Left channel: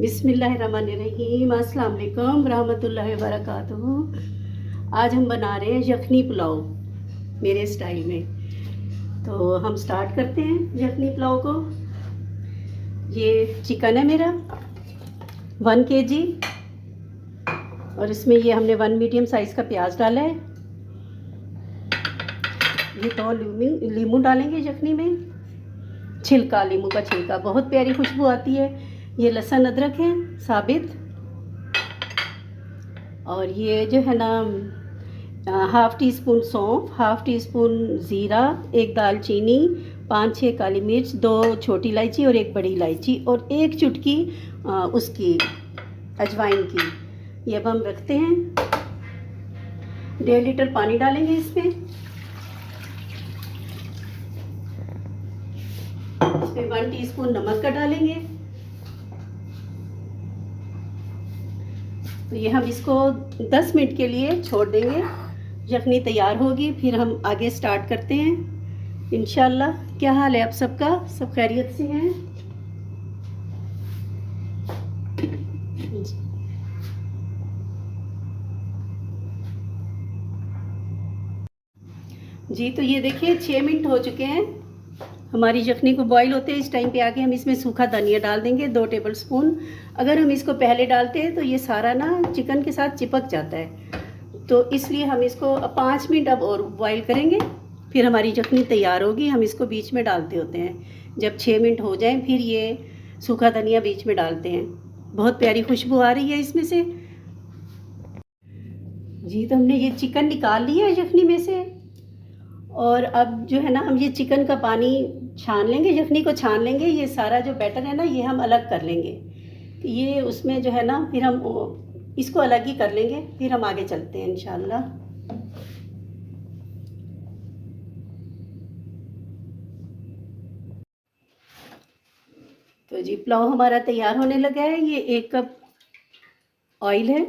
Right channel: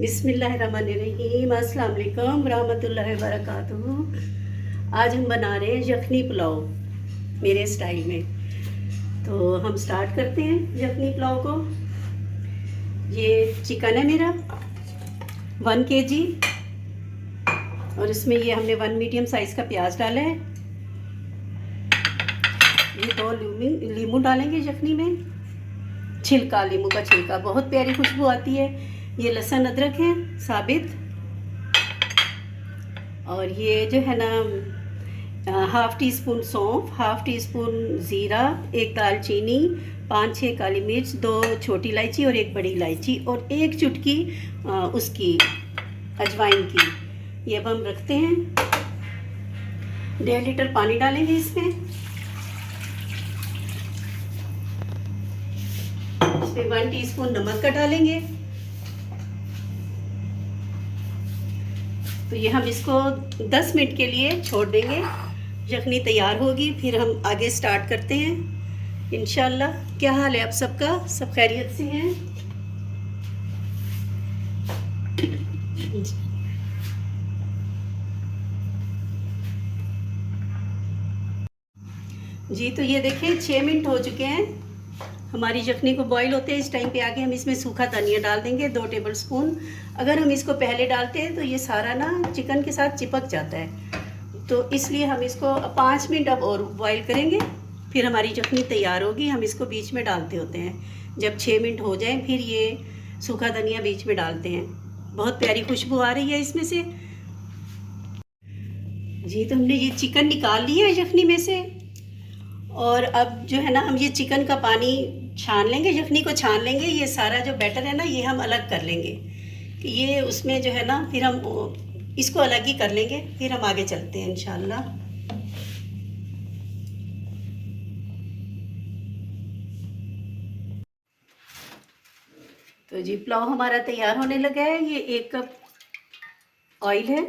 बिस्मिल्लाहिर्रहमानिर्रहीम, अस्सलाम वालेकुम रहमतुल्लाहि व बरकातुहू। आज हम बना रहे हैं यखनी पुलाव मेरे स्टाइल में। तो हम स्टार्ट करते हैं यखनी पुलाव को। ये चिकन है मेरा 1 kg, और इसमें ये हमने 1 मीडियम साइज़ का प्याज डाला है। ये 2 लीमू डालेंगे यखनी में, छिलका, लीमू का छिलका, बहुत प्यारी खुशबू आती है। ये लहसुन अदरक है साबित, और ये जो है ना 1/2 टीस्पून सौंफ, 1/2 टीस्पून ज़ीरा, 1 दालचीनी, 5-6 काली मिर्च, 2 छोटी इलायची और 1 बड़ी इलायची, और 1 चुटकी उसकी अजवाइन की। ये अब हम रखते हैं। 1.5 लीटर पानी डालेंगे इसमें 1 टीस्पून नमक का डालेंगे। तो ये हम इसको 10 मिनट के लिए छोड़ देंगे। यखनी तैयार होगी, फिर हम आगे स्टार्ट करते हैं इंशाल्लाह। क्या हाल है आप सबका? सब खैरियत से हैं? जी, तो ये देखिए 6 मिनट हो चुके हैं हमारी यखनी को बॉईल होते हैं। इस टाइम पे आके हम इसमें सूखा धनिया डाल देंगे 2 टेबल स्पून। अगर हम इसको पहले डालते हैं तो ये सारा ना चिकन के साथ चिपक जाता है, तो इसलिए हम इसको 5 मिनट अब और बॉईल करेंगे, फिर हमारी यखनी तैयार होगी। हम इसको बीच में डालते होते हैं, जब 6 मिनट हो जाएं फिर ये सूखा धनिया बीच में डालते हैं। बहुत प्यारी खुशबू आ रही है इसमें से। जी, तो हमने ये चिकन निकाल लिया है यखनी में से, और अब जो है ना हम ये चिकन का पानी छान लेंगे, यखनी को छान लेंगे। ये सारा जो बैटर है ना ये हम अलग कर लेंगे, कि ये उसमें जो है ना फिर हम इसको अलग ही कर लेंगे, फिर हम आगे चलते हैं इंशाल्लाह। तो जी पुलाव हमारा तैयार होने लगा है। ये 1 कप ऑयल है,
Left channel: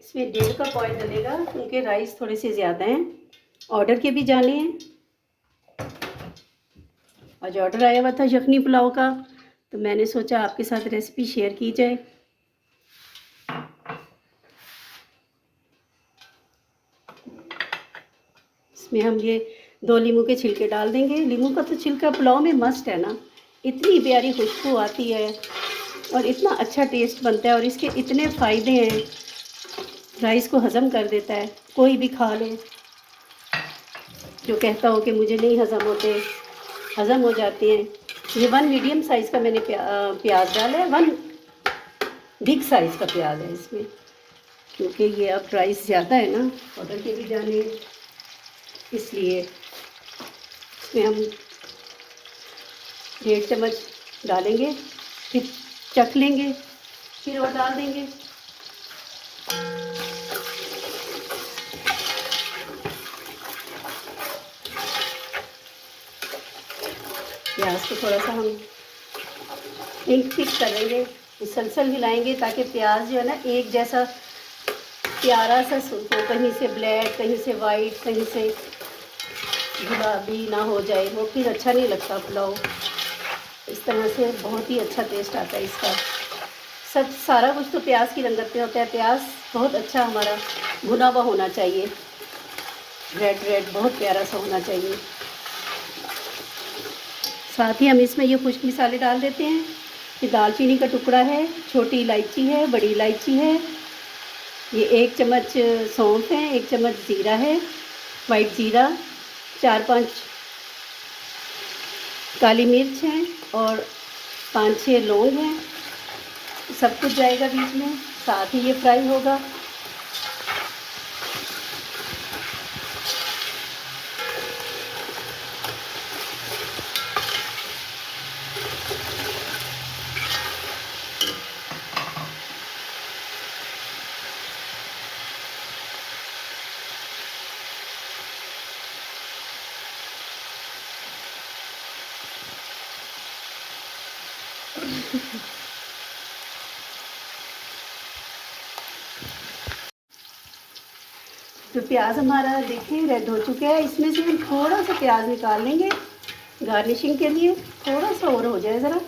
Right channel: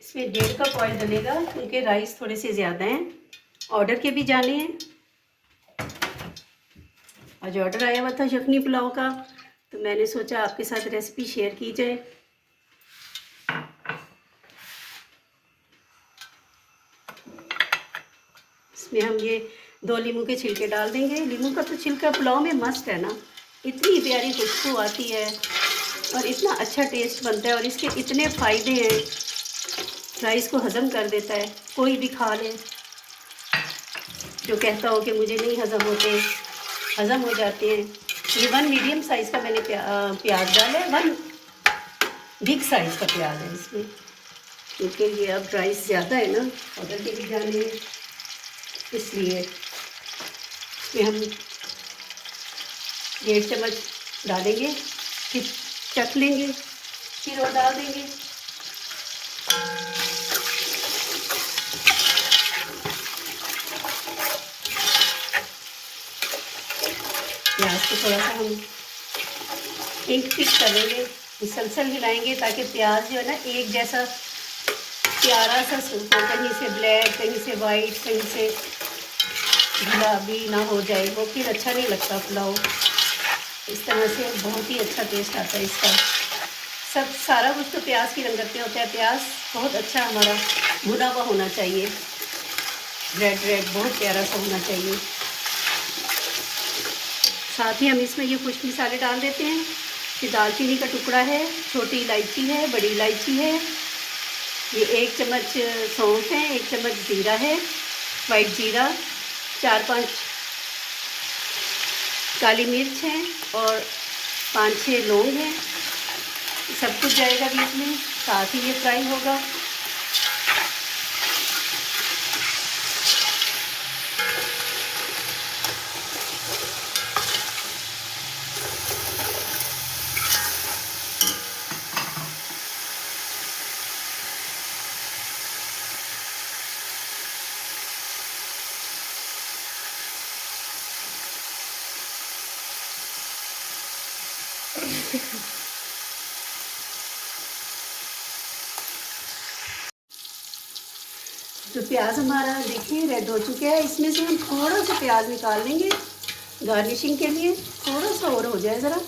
इसमें 1.5 कप ऑयल डलेगा क्योंकि राइस थोड़े से ज़्यादा हैं। ऑर्डर के भी जाने हैं। आज ऑर्डर आया हुआ था यखनी पुलाव का, तो मैंने सोचा आपके साथ रेसिपी शेयर की जाए। इसमें हम ये 2 लीमू के छिलके डाल देंगे। लीमू का तो छिलका पुलाव में मस्ट है ना, इतनी प्यारी खुशबू आती है और इतना अच्छा टेस्ट बनता है, और इसके इतने फ़ायदे हैं। राइस को हज़म कर देता है, कोई भी खा ले। जो कहता हो कि मुझे नहीं हज़म होते, हज़म हो जाते हैं। ये 1 मीडियम साइज़ का मैंने प्याज डाला है, 1 बिग साइज़ का प्याज है इसमें, क्योंकि ये अब राइस ज़्यादा है ना, ऑर्डर के भी जाने हैं, इसलिए इसमें हम 1.5 चम्मच डालेंगे, फिर चख लेंगे, फिर और डाल देंगे। प्याज को थोड़ा सा हम इंक फिक्स कर लेंगे, मुसलसल हिलाएंगे ताकि प्याज जो है ना एक जैसा प्यारा सा सूप हो, कहीं से ब्लैक, कहीं से वाइट, कहीं से गुलाबी ना हो जाए, वो फिर अच्छा नहीं लगता पुलाव। इस तरह से बहुत ही अच्छा टेस्ट आता है इसका। सब सारा कुछ तो प्याज की रंगत में होता है। प्याज बहुत अच्छा हमारा भुना हुआ होना चाहिए, रेड रेड बहुत प्यारा सा होना चाहिए। साथ ही हम इसमें ये खुश्क मसाले डाल देते हैं। ये दालचीनी का टुकड़ा है, छोटी इलायची है, बड़ी इलायची है, ये 1 चम्मच सौंफ है, 1 चम्मच ज़ीरा है, वाइट ज़ीरा, 4-5 काली मिर्च हैं, और 5-6 लौंग हैं। सब कुछ जाएगा बीच में, साथ ही ये फ्राई होगा। तो प्याज हमारा देखिए रेड हो चुका है। इसमें से हम थोड़ा सा प्याज निकाल लेंगे गार्निशिंग के लिए, थोड़ा सा और हो जाए ज़रा।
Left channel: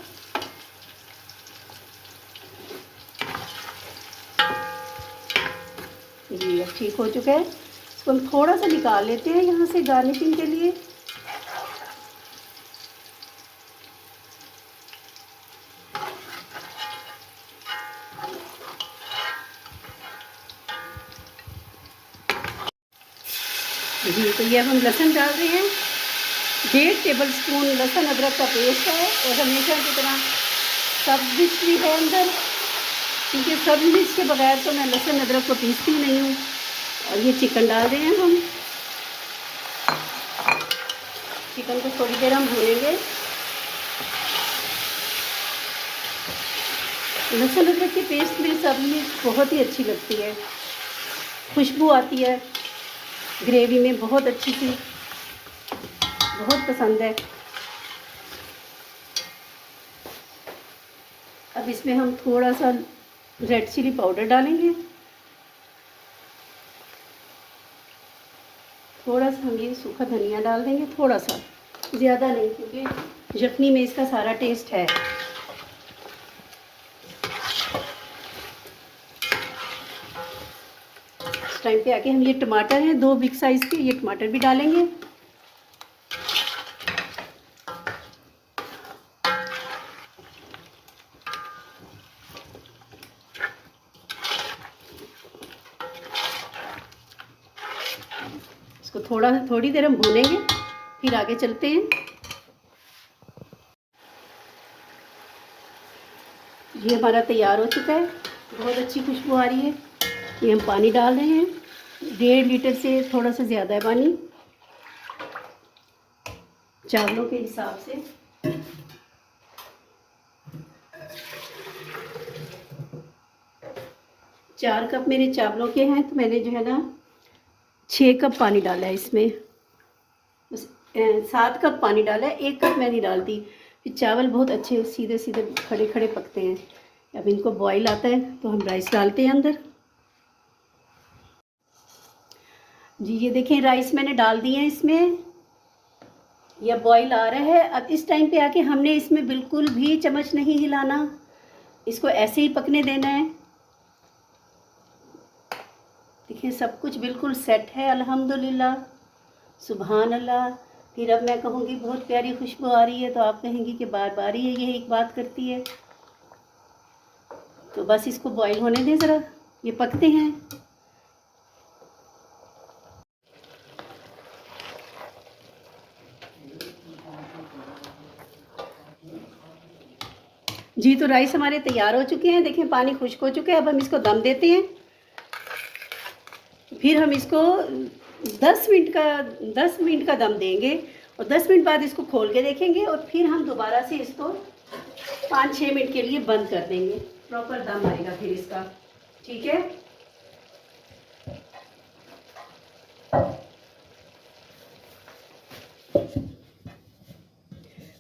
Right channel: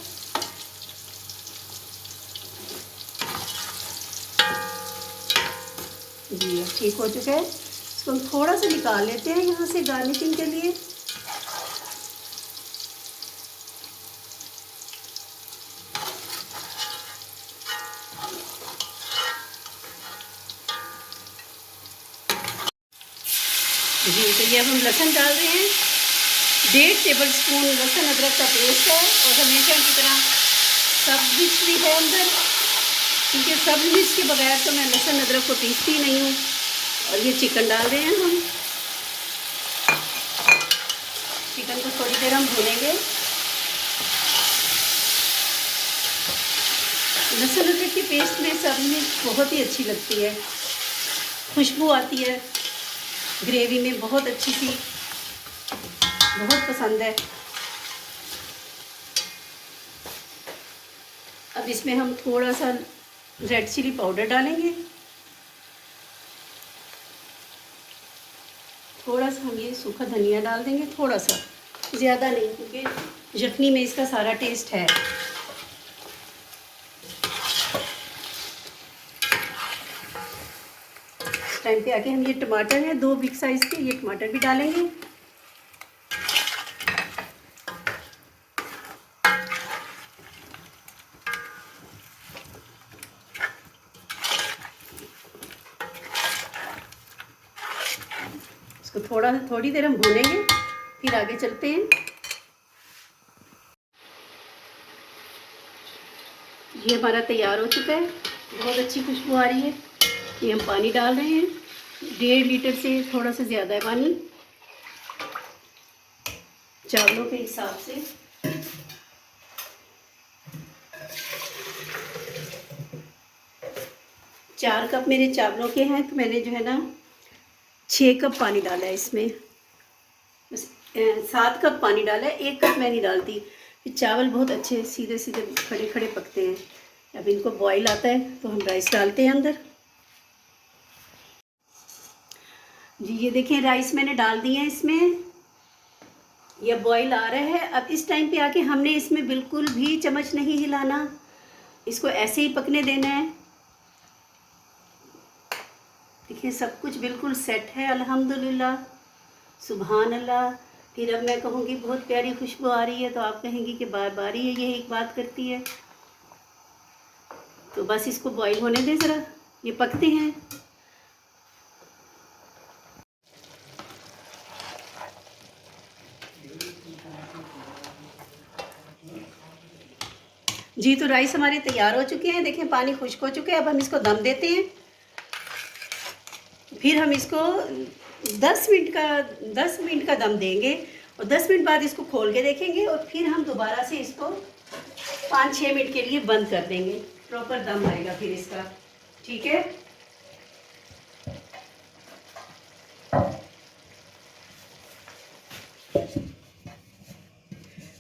जी अब ठीक हो चुका है, तो हम थोड़ा सा निकाल लेते हैं यहाँ से गार्निशिंग के लिए। जी तो ये हम लहसुन डाल रहे हैं, 1.5 टेबल स्पून लहसुन अदरक का पेस्ट है। और हमेशा की तरह सब मिर्च भी है अंदर, क्योंकि सब मिर्च के बगैर तो मैं लहसुन अदरक को पीसती नहीं हूँ। और ये चिकन डाल रहे हैं हम। चिकन को थोड़ी देर हम भूनेंगे। लहसुन अदरक की पेस्ट में सब में बहुत ही अच्छी लगती है, खुशबू आती है ग्रेवी में, बहुत अच्छी सी, बहुत पसंद है। अब इसमें हम थोड़ा सा रेड चिली पाउडर डालेंगे, थोड़ा सा हम ये सूखा धनिया डाल देंगे, थोड़ा सा, ज़्यादा नहीं, क्योंकि यखनी में इसका सारा टेस्ट है। इस टाइम पे आके हम ये टमाटर है 2 बिग साइज़ के, ये टमाटर भी डालेंगे। इसको थोड़ी देर हम भूनेंगे, फिर आगे चलते हैं। ये हमारा तैयार हो चुका है, बहुत अच्छी खुशबू आ रही है। ये हम पानी डाल रहे हैं, 1.5 लीटर से थोड़ा सा ज़्यादा है पानी, चावलों के हिसाब से। 4 कप मेरे चावलों के हैं, तो मैंने जो है ना 6 कप पानी डाला है इसमें। 7 कप पानी डाला है, 1 कप मैं नहीं डालती, फिर चावल बहुत अच्छे सीधे सीधे खड़े खड़े पकते हैं। अब इनको बॉईल आता है तो हम राइस डालते हैं अंदर। जी ये देखें, राइस मैंने डाल दिए हैं इसमें, यह बॉईल आ रहा है। अब इस टाइम पे आके हमने इसमें बिल्कुल भी चम्मच नहीं हिलाना, इसको ऐसे ही पकने देना है। देखिए सब कुछ बिल्कुल सेट है, अल्हम्दुलिल्लाह, सुभान अल्लाह। फिर अब मैं कहूँगी बहुत प्यारी खुशबू आ रही है, तो आप कहेंगी कि बार बार ही ये एक बात करती है। तो बस इसको बॉईल होने दें ज़रा, ये पकते हैं। जी तो राइस हमारे तैयार हो चुके हैं, देखिए पानी खुश्क हो चुके हैं। अब हम इसको दम देते हैं, फिर हम इसको 10 मिनट का दम देंगे, और 10 मिनट बाद इसको खोल के देखेंगे, और फिर हम दोबारा से इसको 5-6 मिनट के लिए बंद कर देंगे, प्रॉपर दम आएगा फिर इसका। ठीक है,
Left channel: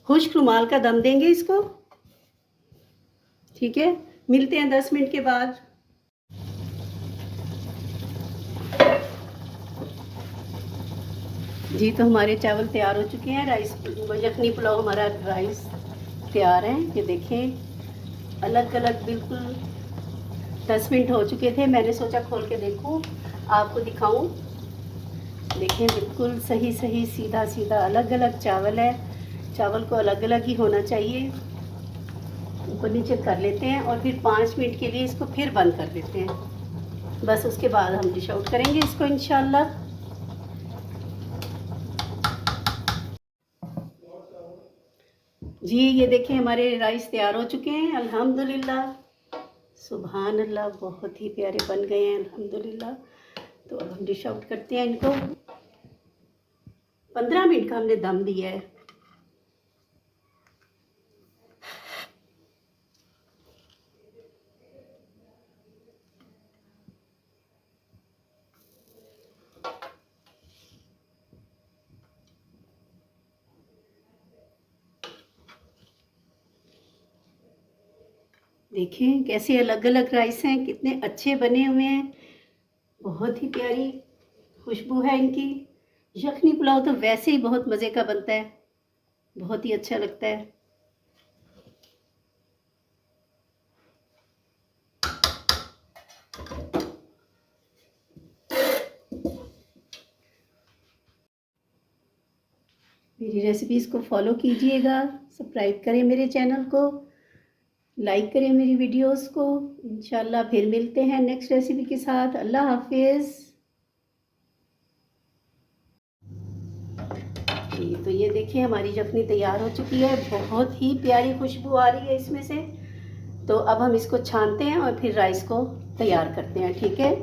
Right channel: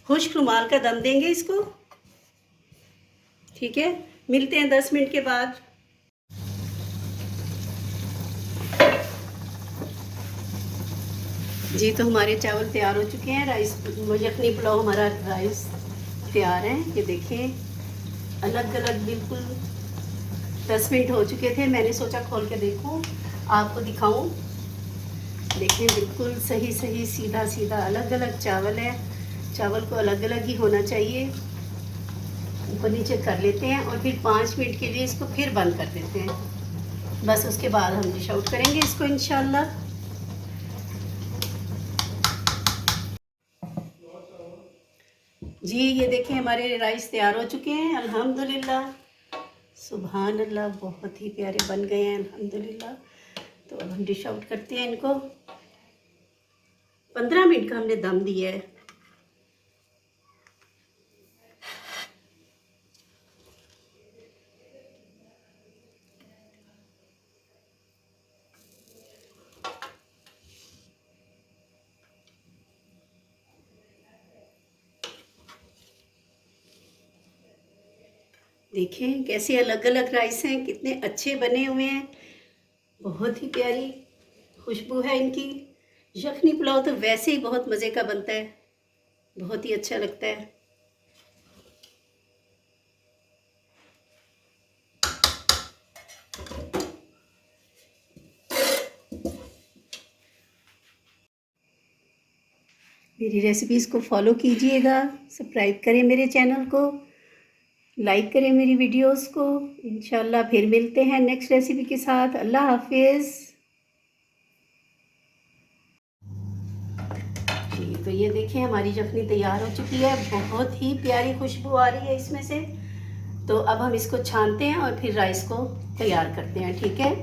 खुश्क रुमाल का दम देंगे इसको। ठीक है, मिलते हैं 10 मिनट के बाद। जी तो हमारे चावल तैयार हो चुके हैं, राइस यखनी पुलाव हमारा राइस तैयार है। ये देखें अलग अलग बिल्कुल 10 मिनट हो चुके थे, मैंने सोचा खोल के देखूं, आपको दिखाऊं। देखें बिल्कुल सही सही सीधा सीधा अलग अलग चावल है। चावल को अलग अलग ही होना चाहिए। ऊपर नीचे कर लेते हैं, और फिर 5 मिनट के लिए इसको फिर बंद कर देते हैं। बस उसके बाद हम डिश आउट करेंगे इसको इंशाल्लाह। जी ये देखिए हमारे राइस तैयार हो चुके हैं, अल्हम्दुलिल्लाह, सुभान अल्लाह, बहुत ही प्यारे बन गए हैं अल्हम्दुलिल्लाह। तो अब हम डिश आउट करते हैं इनको। 15 मिनट का हमने दम दिया है। देखें कैसे अलग अलग राइस हैं, कितने अच्छे बने हुए हैं, बहुत ही प्यारी खुशबू है इनकी। यखनी पुलाव तो वैसे ही बहुत मज़े का बनता है, बहुत ही अच्छा लगता है। मेरी रेसिपीज़ को फॉलो कीजिएगा, सब्सक्राइब करें मेरे चैनल को, लाइक करें मेरी वीडियोस को। इंशाल्लाह फिर मिलते हैं नेक्स्ट रेसिपी के साथ। अल्लाह हाफिज़। जी, तो ये देखिए हमारी यखनी तैयार हो चुकी है, बहुत ही प्यारी खुशबू आ रही है इसमें से। तो अब हम इसको छानते हैं और फिर राइस को तैयार करते हैं, ठीक है।